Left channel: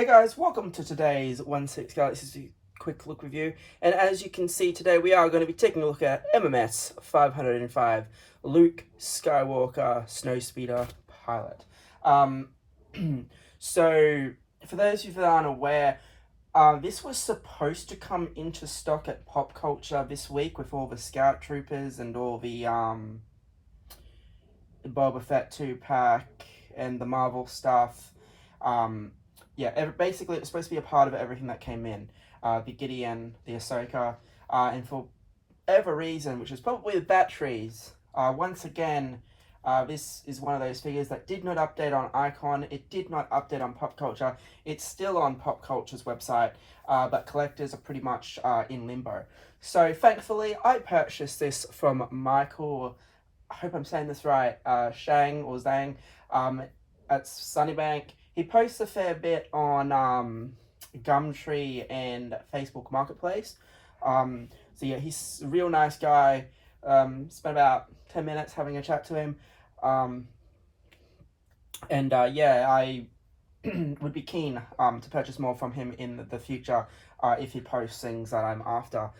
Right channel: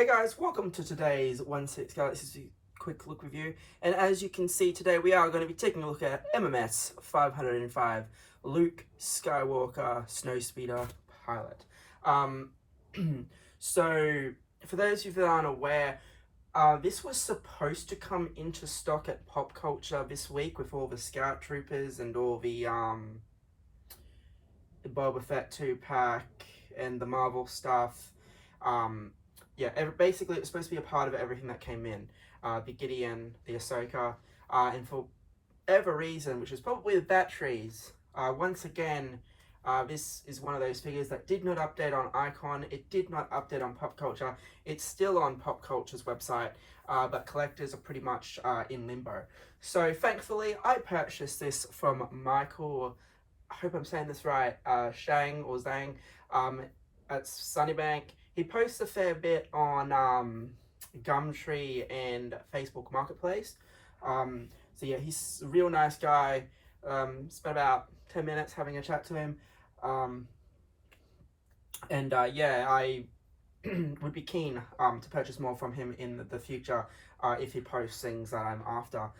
Hey guys, welcome to today's 1/6 Galaxy quick look review. And as you can see today, we are going to be taking a look at MMS 505 Luke Skywalker Snowspeeder Pilot. So for those of you that aren't aware, this was supposed to come into stock at Pop Culture this week with all the Scout Troopers and all the Boba Fett 2-pack and the Marvel stuff. Basically it was supposed to be a part of everything that came in. The Gideon, the Ahsoka, and for whatever reason, which was probably the batteries, once again, this is one of those figures that did not update on Icon, it did not update on Pop Culture, it's still on Pop Culture's website, but collectors are pretty much in limbo. So thankfully, I purchased this from Michael, I hope I'm saying this right, Shang or Zhang, at Sunnybank. He posts a fair bit on Gumtree and Facebook Marketplace. So yeah, he's a real nice guy. Spent about 10 minutes having a chat to him. I would be keen to purchase more from him in the future if he posts things that I'm after.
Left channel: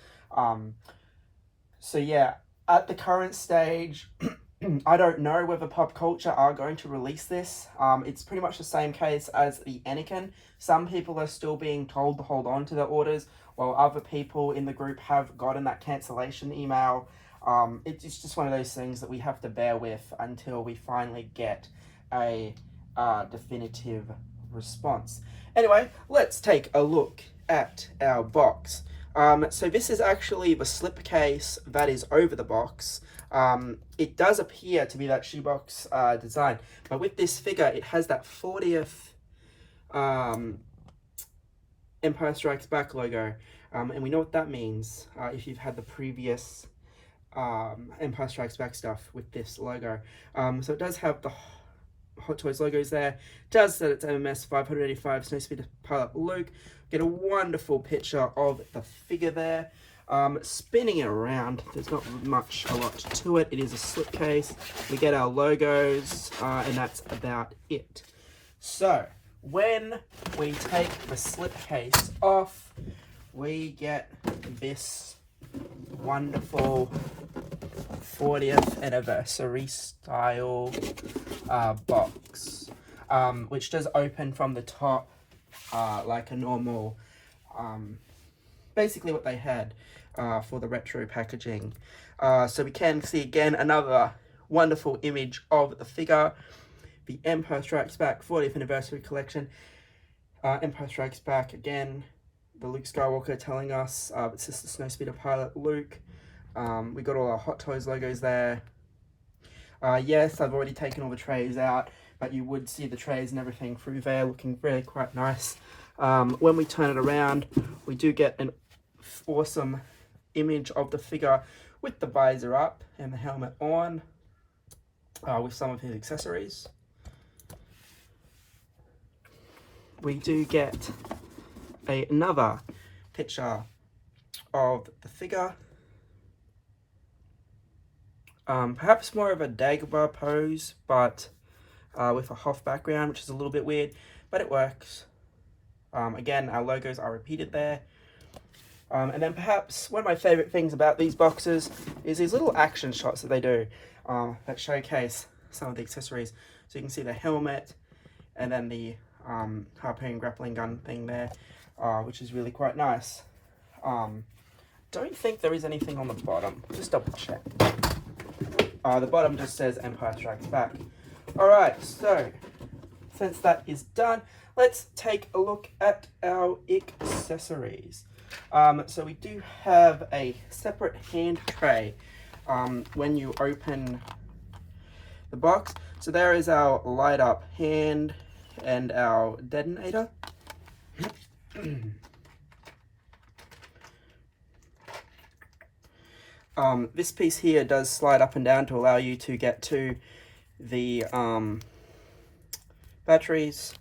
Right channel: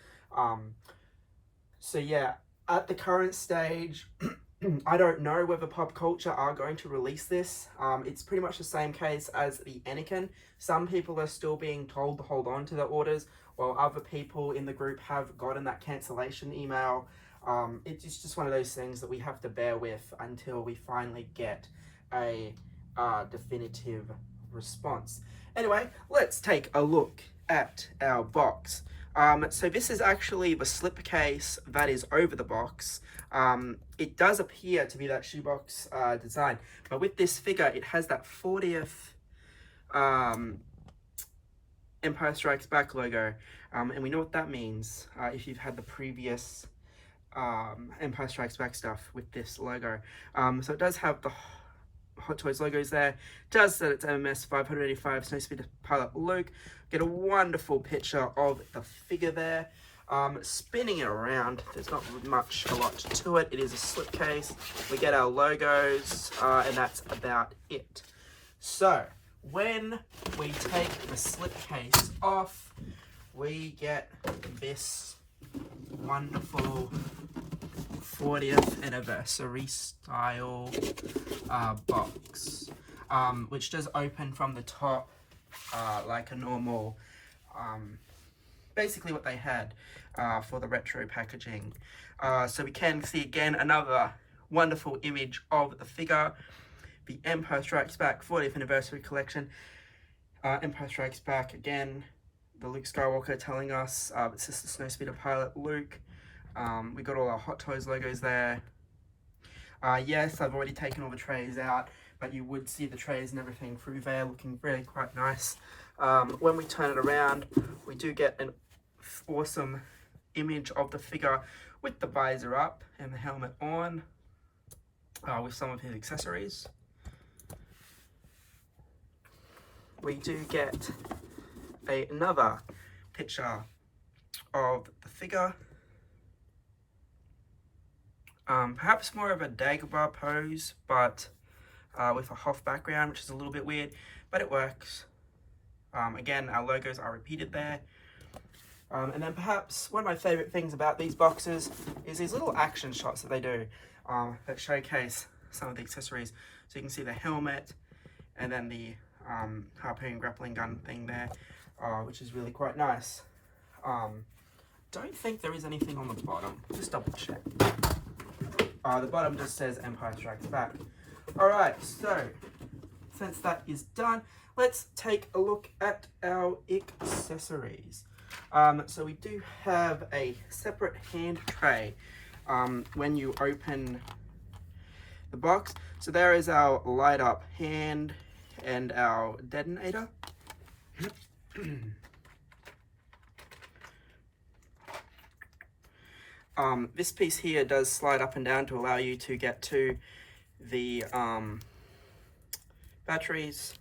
So yeah, at the current stage, I don't know whether Pop Culture are going to release this. It's pretty much the same case as the Anakin. Some people are still being told to hold on to their orders, while other people in the group have gotten that cancellation email. It's just one of those things that we have to bear with until we finally get a definitive response. Anyway, let's take a look at our box. So this is actually the slipcase that is over the box. It does appear to be that shoebox design, but with this figure, it has that 40th Empire Strikes Back logo, and we know what that means if you've had the previous Empire Strikes Back stuff with this logo. So it does have the Hot Toys logos there. It does that it's MMS 585 Snowspeeder Pilot Luke. Get a wonderful picture of the figure there. Spinning it around, there's not much a lot to it. It is a slipcase. We get our logos, and that's about it. So when we take the slipcase off, we get this wonderful 40th anniversary style box, which does open from the top like a normal, basically what they had for the retro packaging. So we can see again another wonderful image of the figure, the Empire Strikes Back 40th anniversary collection. Empire Strikes Back again, the Luke Skywalker telling us it's just the Snowspeeder Pilot Luke. We got all our Hot Toys logos there. Yes, I've already taken all the trays out, but you would see the trays and everything through there looking really quite nice. When we turn it around, we do get an awesome image of the figure with the visor up and the helmet on, with some of his accessories. We do get another picture of the figure. Perhaps more of a Dagobah pose, but with a Hoth background, which is a little bit weird, but it works. Again, our logos are repeated there. And then perhaps one of my favorite things about these boxes is these little action shots that they do that showcase some of the accessories. So you can see the helmet and then the harpoon grappling gun thing there, which is really quite nice. Don't think there is anything on the bottom. Just double check. The bottom just says Empire Strikes Back. Alright, so since that is done, let's take a look at our accessories. So we do have a separate hand tray when you open the box. So there is our light up hand and our detonator. This piece here does slide up and down to allow you to get to the batteries.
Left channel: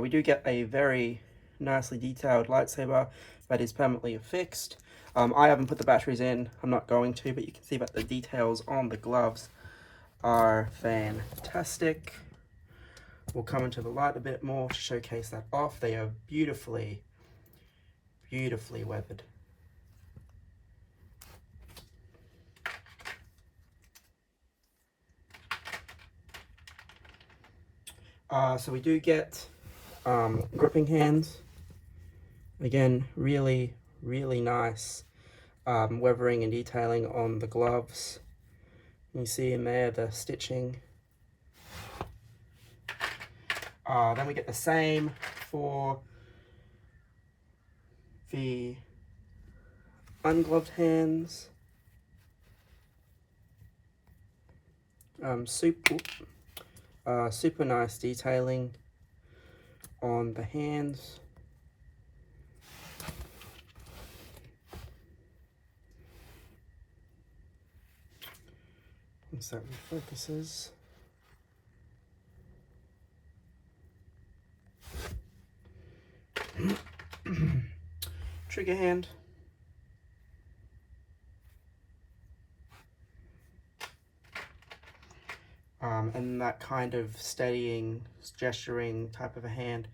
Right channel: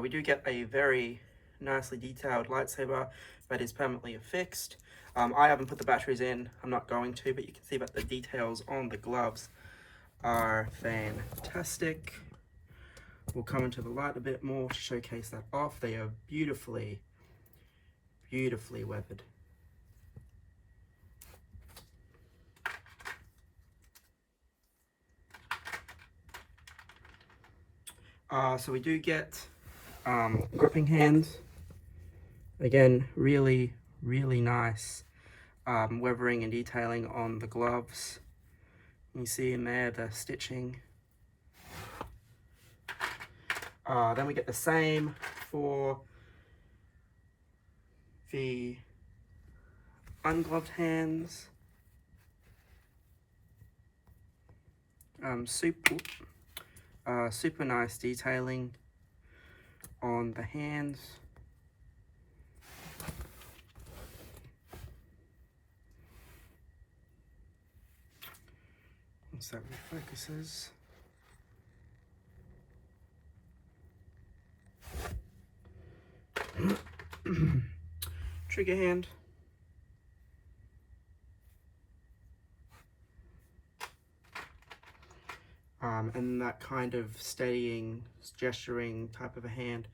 We do get a very nicely detailed lightsaber that is permanently affixed. I haven't put the batteries in, I'm not going to, but you can see that the details on the gloves are fantastic. will come into the light a bit more to showcase that off. They are beautifully, beautifully weathered. So we do get gripping hands. Again, really, really nice weathering and detailing on the gloves. You see in there the stitching. Then we get the same for the ungloved hands. Super nice detailing on the hands. Once that refocuses. Trigger hand. And that kind of steadying, gesturing type of a hand,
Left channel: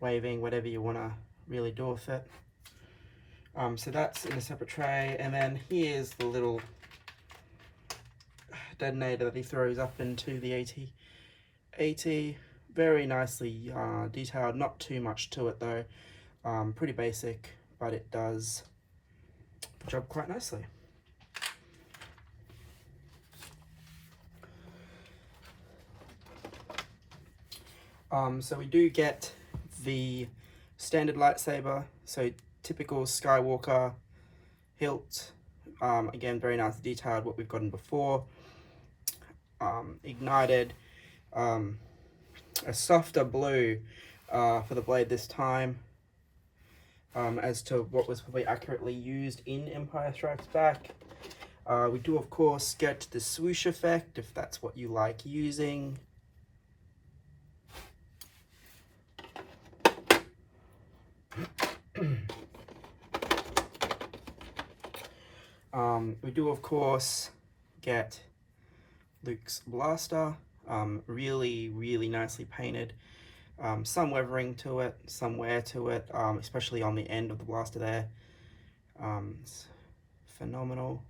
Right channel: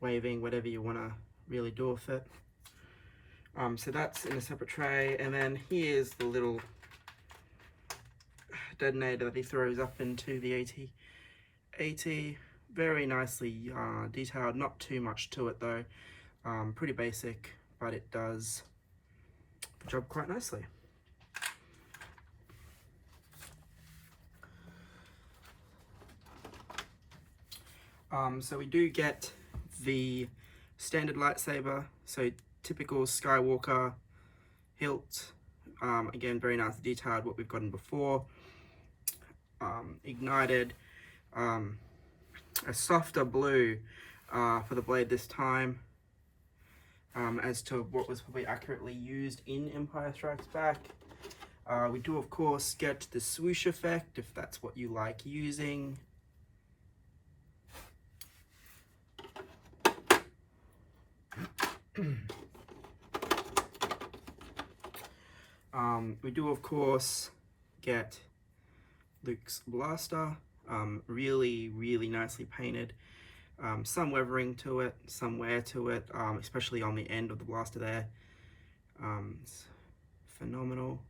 waving, whatever you want to really do with it. So that's in a separate tray, and then here's the little detonator that he throws up into the AT. Very nicely detailed, not too much to it though. Pretty basic, but it does the job quite nicely. So we do get the standard lightsaber, so typical Skywalker hilt. Again, very nicely detailed, what we've gotten before. Ignited, a softer blue for the blade this time, as to what was probably accurately used in Empire Strikes Back. We do of course get the swoosh effect, if that's what you like using. We do of course get Luke's blaster, really, really nicely painted. Some weathering to it, some wear to it, especially on the end of the blaster there. It's phenomenal.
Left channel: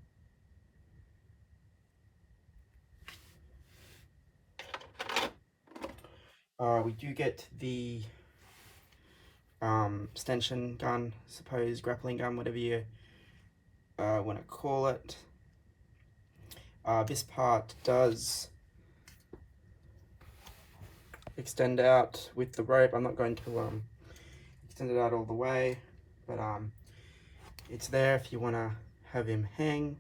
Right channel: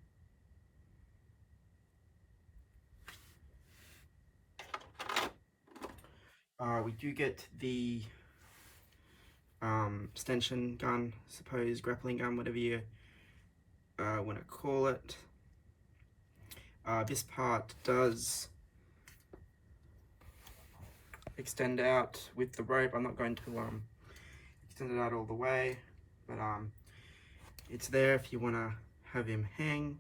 We do get the stanchion gun, suppose grappling gun, whatever you want to call it. This part does extend out with the rope. I'm not going to extend it out all the way, but it's there if you want to have him hang.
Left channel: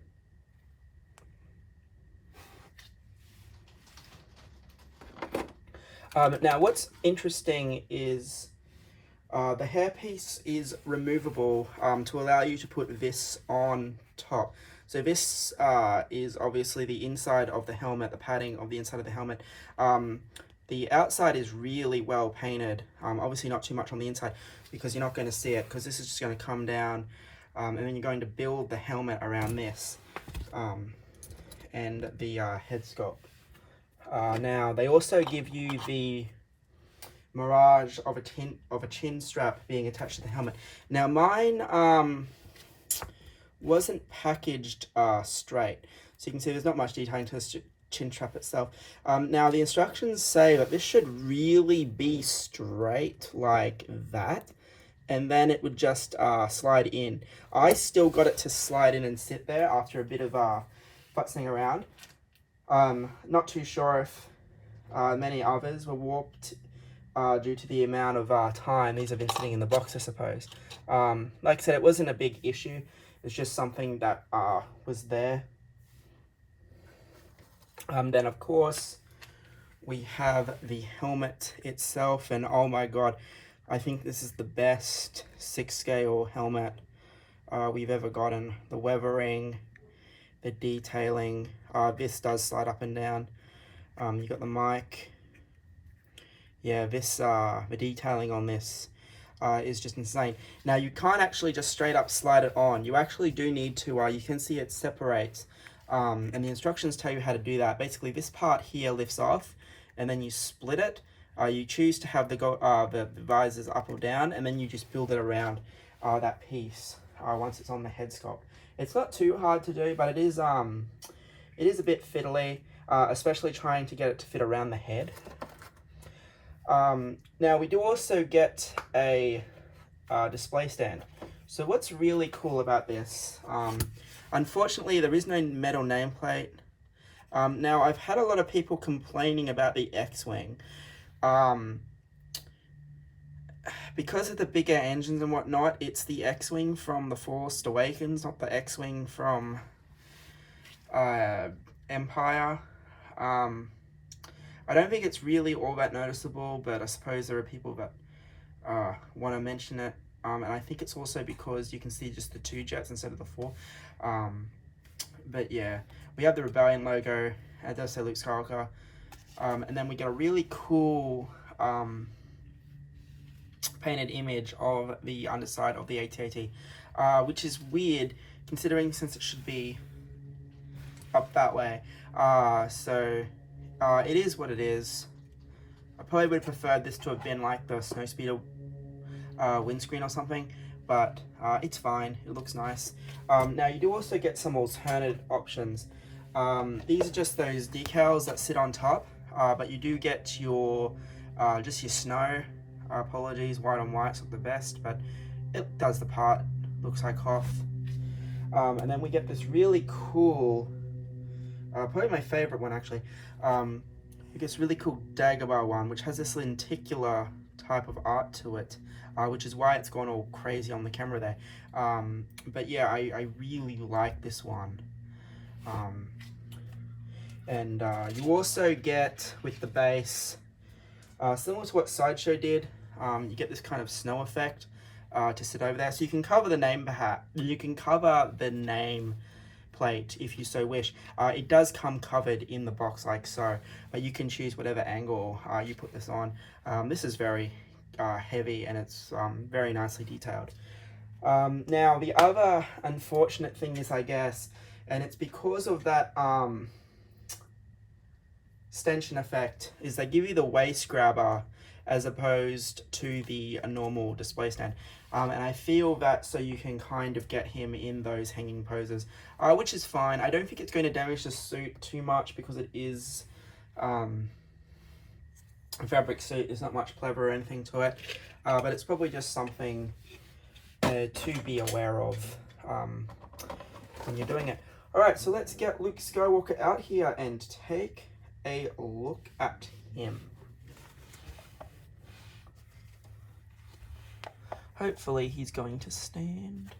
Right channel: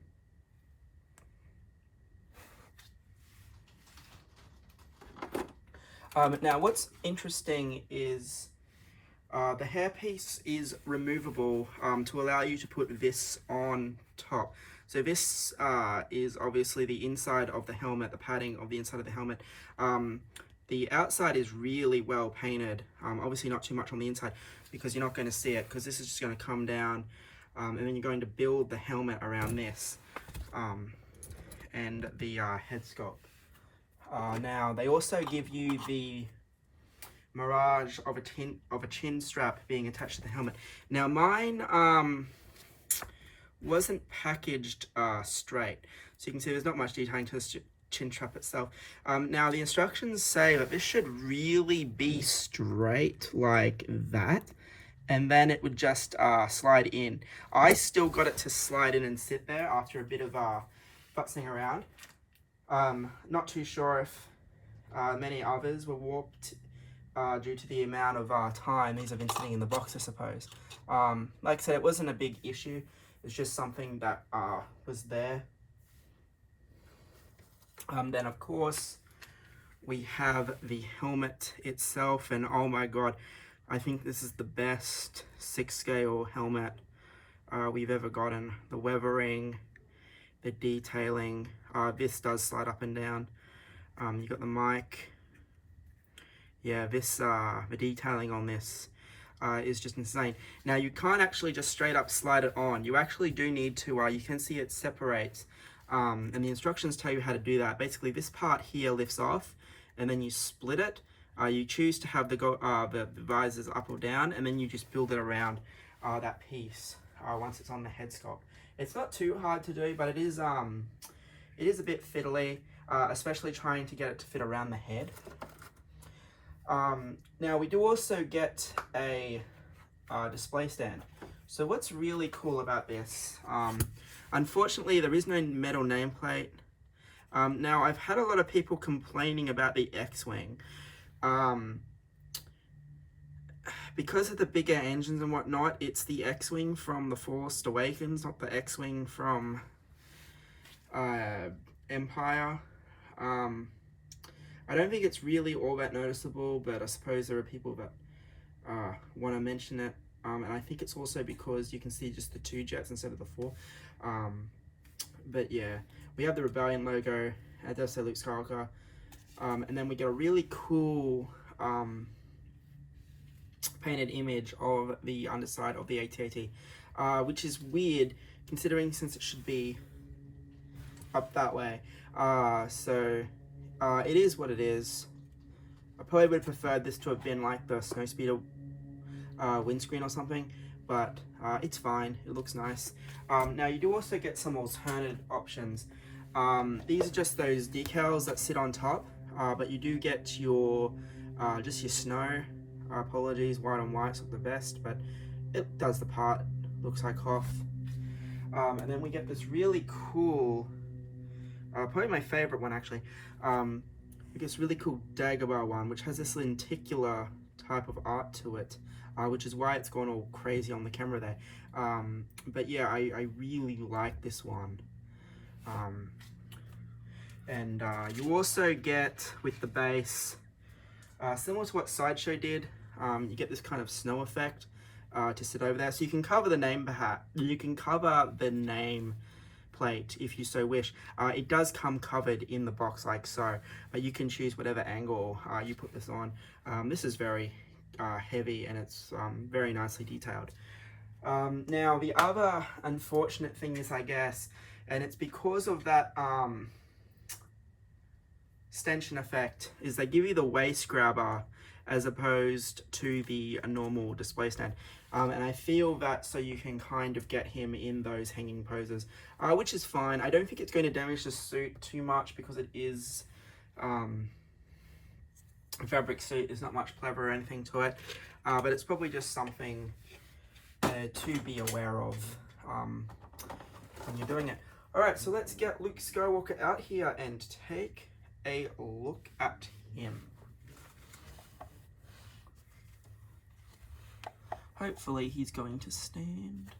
Now what's interesting is the hairpiece is removable to allow you to put this on top. So this is obviously the inside of the helmet, the padding of the inside of the helmet. The outside is really well painted, obviously not too much on the inside because you're not going to see it, because this is just going to come down, and then you're going to build the helmet around this and the head sculpt. Now they also give you the mirage of a chin strap being attached to the helmet. Now mine wasn't packaged straight, so you can see there's not much detailing to the chin strap itself. Now the instructions say that this should really be straight like that, and then it would just slide in. I still got it to slide in and sit there after a bit of futzing around. Not too sure if many others were warped due to the amount of time these have been sitting in the box, I suppose. Like I said, it wasn't a big issue. It's just something that was there. Then of course we have the helmet itself, and oh my god, I think this is the best 6-scale helmet we've ever gotten. The weathering, the detailing, this does slide up and down. You got the mic. Yeah, this the detailing on this is just insane. Now you can't actually just straight up slide it on. You actually do need to, you can see it separates, and the instructions tell you how to do that. Basically this part here lifts off and then you split it, You choose to have the visors up or down, and then you just build it around that piece once it's on the head sculpt. It's not too hard to do, but it is a bit fiddly, especially trying to get it to fit around the head. Now we do also get a display stand. So what's really cool about this, unfortunately there is no metal nameplate. Now I've had a lot of people complaining about the X-Wing. Because of the bigger engines and whatnot, it's the X-Wing from The Force Awakens, not the X-Wing from Empire. I don't think it's really all that noticeable, but I suppose there are people that want to mention it. And I think it's also because you can see just the 2 jets instead of the 4. But yeah, we have the Rebellion logo. It does say Luke Skywalker. And then we get a really cool painted image of the underside of the AT-AT, which is weird considering since it should be up that way. So it is what it is. I probably would have preferred this to have been like the Snowspeeder windscreen or something, but it's fine. It looks nice. Now you do also get some alternate options. These are just those decals that sit on top, but you do get your just your snow. Apologies, white on white's not the best, but it does the part. Looks like Hoth. And then we get this really cool, probably my favorite one actually. We get this really cool Dagobah one, which has this lenticular type of art to it, which is why it's gone all crazy on the camera there. But yeah, I really like this one. And you also get with the base, similar to what Sideshow did, you get this kind of snow effect to sit over there. So you can cover the name you can cover the name plate if you so wish. It does come covered in the box like so, but you can choose whatever angle you put this on. This is very heavy and it's very nicely detailed. Now the other unfortunate thing is, I guess, and it's because of that stenchion effect, is they give you the waist grabber as opposed to the normal display stand. And I feel that so you can kind of get him in those hanging poses, which is fine. I don't think it's going to damage the suit too much because it is a fabric suit. There's not much pleather or anything to it, but it's probably just something to be aware of when you're doing it. Alright, so let's get Luke Skywalker out here and take a look at him. Hopefully he's going to stand.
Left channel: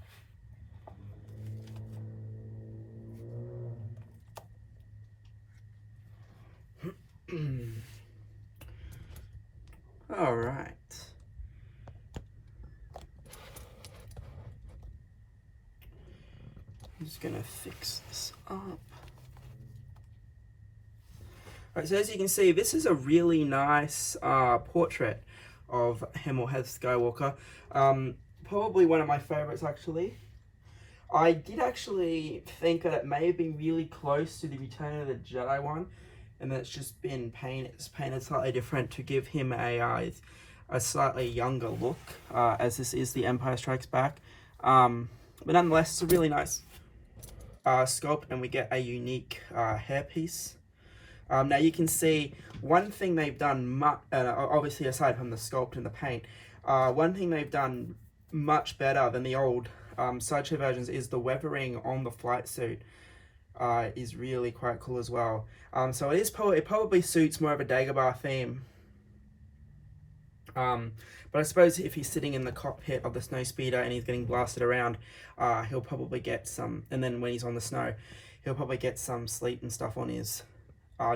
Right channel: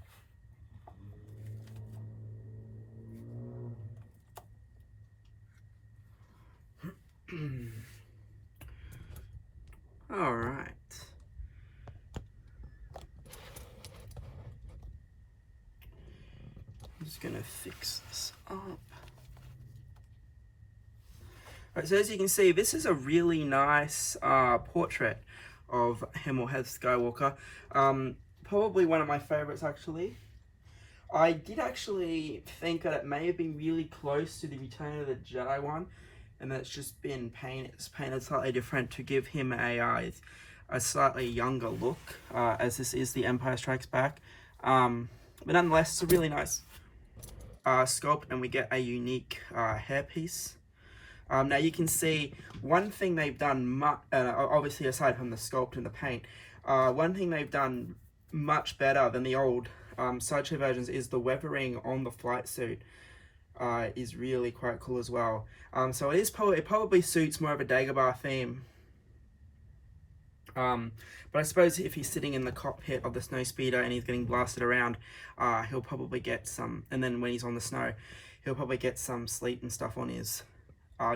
All right. I'm just gonna fix this up. Alright, so as you can see, this is a really nice portrait of him or Heath Skywalker. Probably one of my favorites, actually. I did actually think that it may have been really close to the Return of the Jedi one, and that's just been painted slightly different to give him a slightly younger look, as this is the Empire Strikes Back. But nonetheless, it's a really nice sculpt, and we get a unique hairpiece. Now you can see one thing they've done, obviously aside from the sculpt and the paint, one thing they've done much better than the old Sideshow versions is the weathering on the flight suit is really quite cool as well. So it probably suits more of a Dagobah theme. But I suppose if he's sitting in the cockpit of the Snowspeeder and he's getting blasted around, he'll probably get some, and then when he's on the snow, he'll probably get some sleet and stuff on his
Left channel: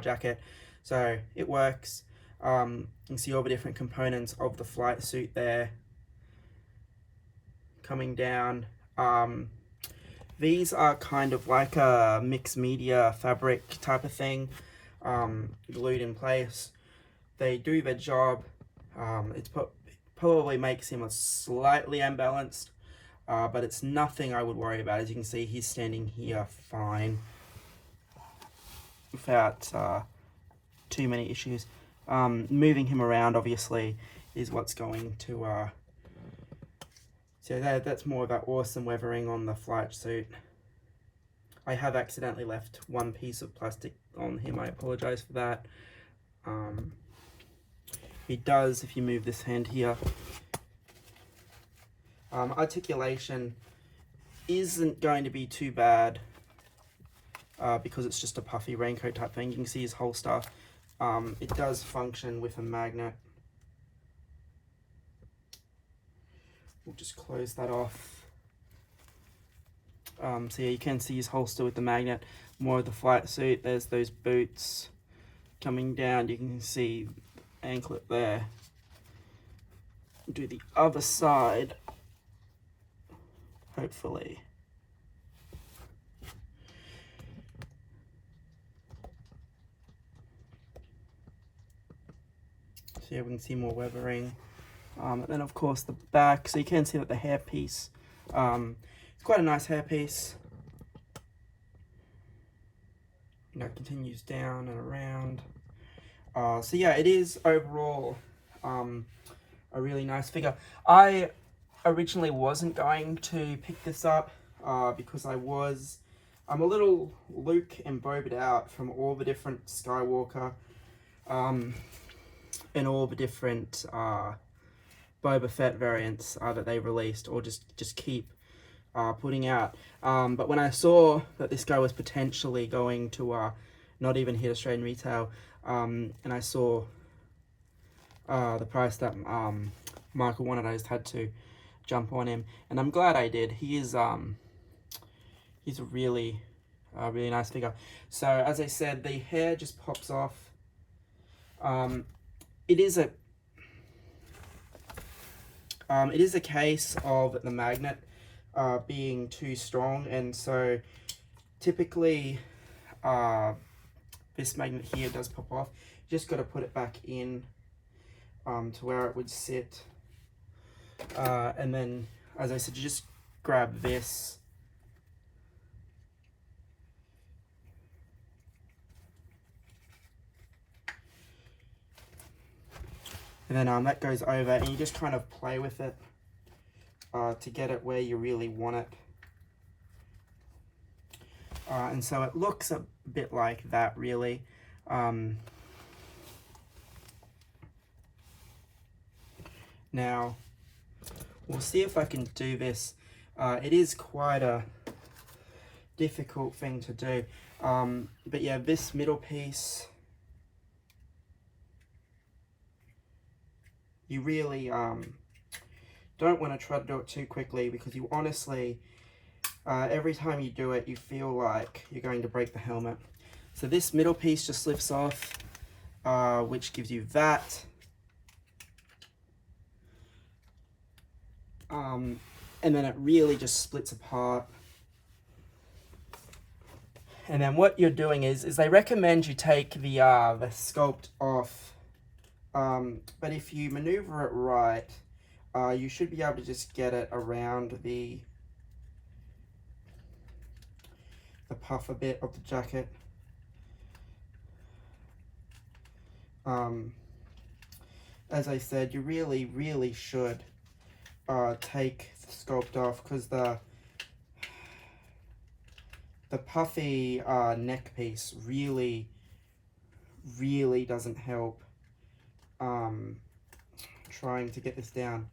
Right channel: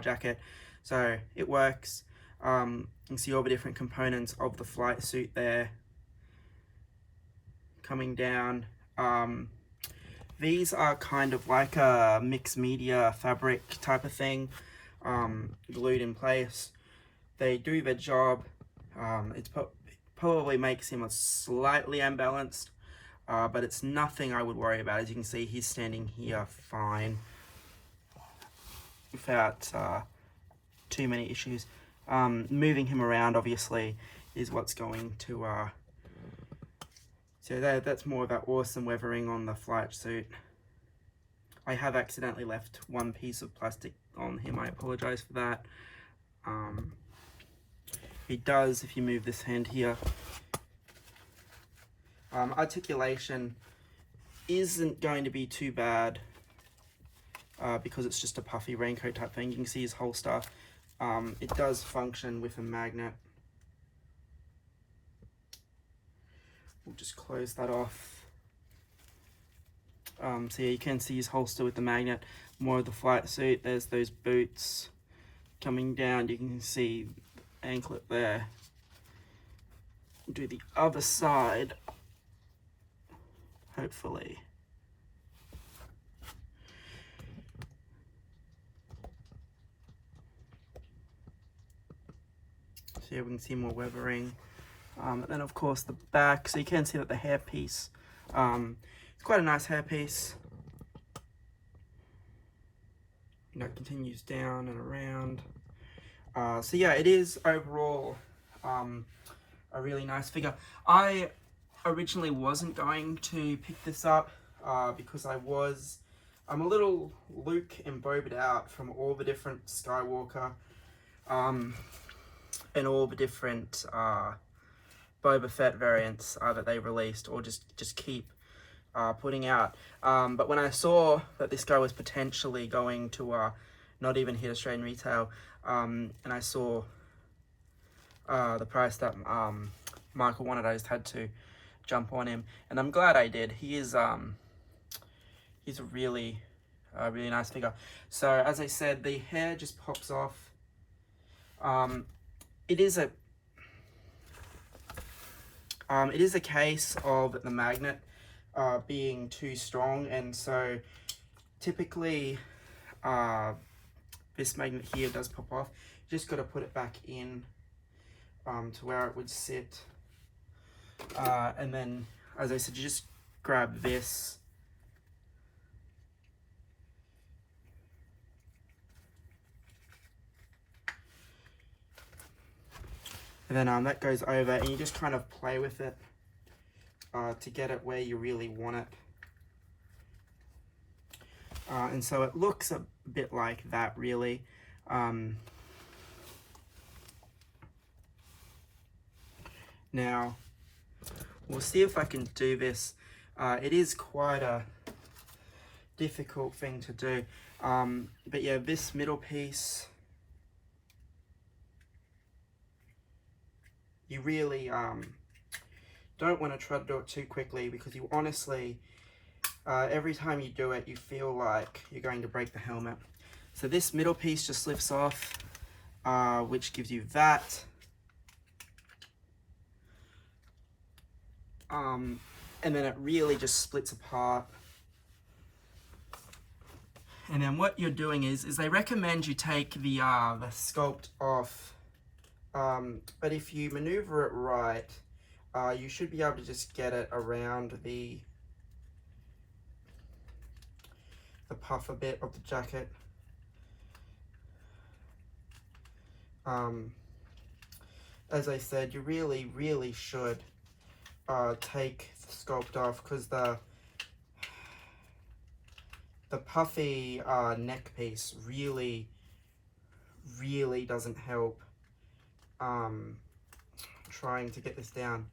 jacket. So it works. You can see all the different components of the flight suit there coming down. These are kind of like a mixed media fabric type of thing, glued in place. They do their job. It probably makes him slightly unbalanced, but it's nothing I would worry about. As you can see, he's standing here fine without too many issues. Moving him around obviously is what's going to so that's more of that awesome weathering on the flight suit. I have accidentally left one piece of plastic on him. I apologize for that. He does, if you move this hand here, articulation isn't going to be too bad because it's just a puffy raincoat type thing. You can see his holster. It does function with a magnet. We'll just close that off. So yeah, you can see his holster with the magnet. More of the flight suit. There's those boots coming down. You can see the anklet there. Do the other side, hopefully. So yeah, we can see more weathering. And then of course the back, so you can see that the hairpiece, it's quite a nice hairpiece. That continues down and around. So yeah, it is overall a really nice figure. I originally wasn't going to pick this up because I'm a little Luke and Boba'd out from all the different Skywalker and all the different Boba Fett variants that they released or just keep putting out. But when I saw that this guy was potentially going to not even hit Australian retail, and I saw the price that Michael wanted, I just had to jump on him, and I'm glad I did. He's a really nice figure. So as I said, the hair just pops off. It is a case of the magnet being too strong, and so typically this magnet here does pop off. You just got to put it back in to where it would sit, and then as I said, you just grab this and then that goes over, and you just kind of play with it to get it where you really want it. And so it looks a bit like that, really. Now, we'll see if I can do this. It is quite a difficult thing to do. But yeah, this middle piece, you really don't want to try to do it too quickly, because you honestly, every time you do it, you feel like you're going to break the helmet. So this middle piece just lifts off, which gives you that. And then it really just splits apart. And then what you're doing is they recommend you take the sculpt off. But if you maneuver it right, you should be able to just get it around the puffer bit of the jacket. As I said, you really should take the sculpt off, because the puffy neck piece really doesn't help trying to get this down.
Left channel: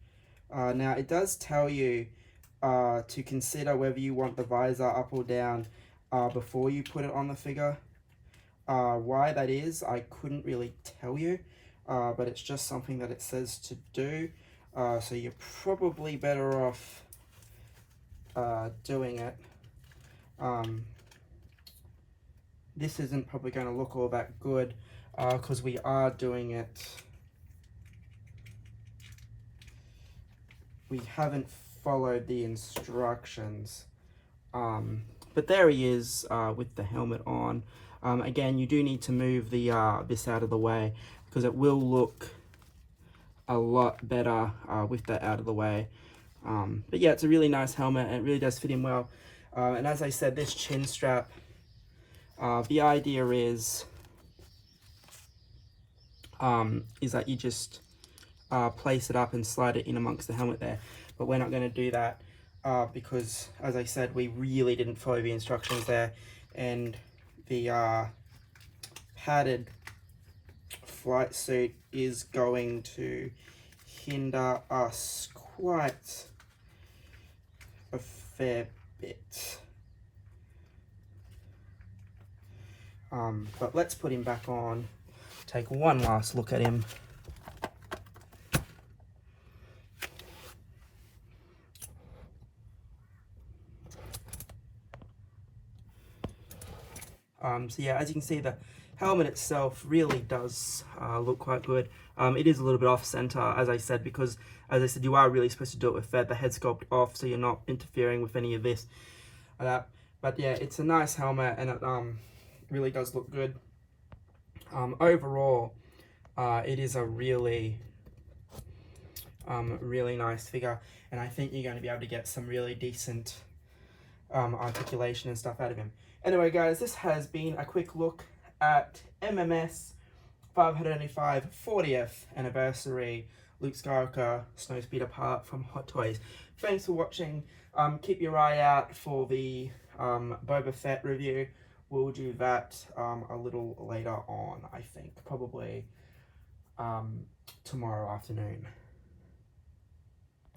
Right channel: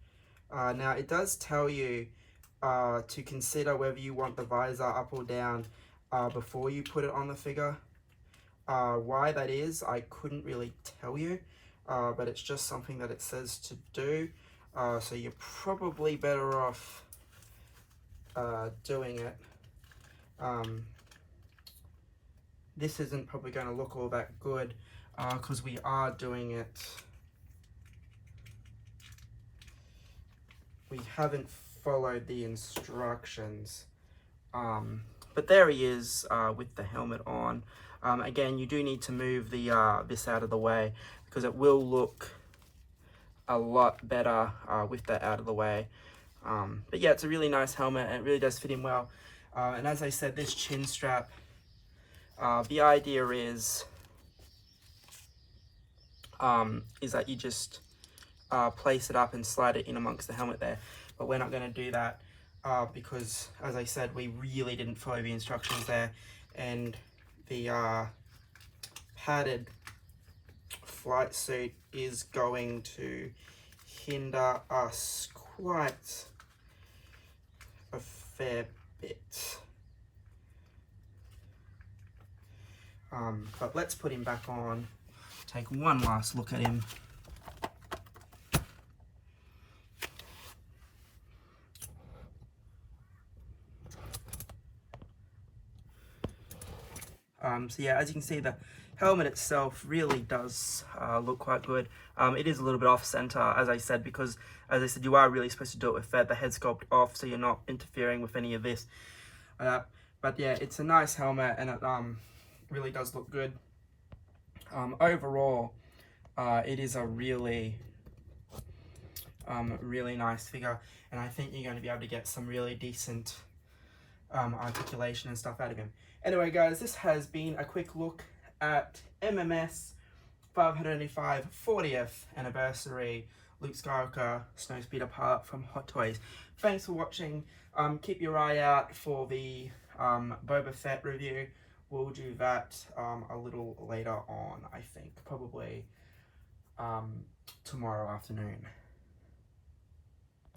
Now it does tell you to consider whether you want the visor up or down before you put it on the figure. Why that is, I couldn't really tell you, but it's just something that it says to do. So you're probably better off doing it. This isn't probably going to look all that good because we are doing it. We haven't followed the instructions, but there he is with the helmet on. Again, you do need to move the this out of the way, because it will look a lot better with that out of the way. But yeah, it's a really nice helmet, and it really does fit him well. And as I said, this chin strap, the idea is is that you just place it up and slide it in amongst the helmet there. But we're not going to do that because, as I said, we really didn't follow the instructions there, and the padded flight suit is going to hinder us quite a fair bit. But let's put him back on, take one last look at him. So yeah, as you can see, the helmet itself really does look quite good. It is a little bit off center, as I said, because, as I said, you are really supposed to do it with the head sculpt off, so you're not interfering with any of this. But yeah, it's a nice helmet, and it really does look good. Overall, it is a really nice figure, and I think you're going to be able to get some really decent articulation and stuff out of him. Anyway, guys, this has been a quick look at MMS 585 40th anniversary Luke Skywalker Snowspeeder part from Hot Toys. Thanks for watching. Keep your eye out for the Boba Fett review. We'll do that a little later on, I think, probably tomorrow afternoon.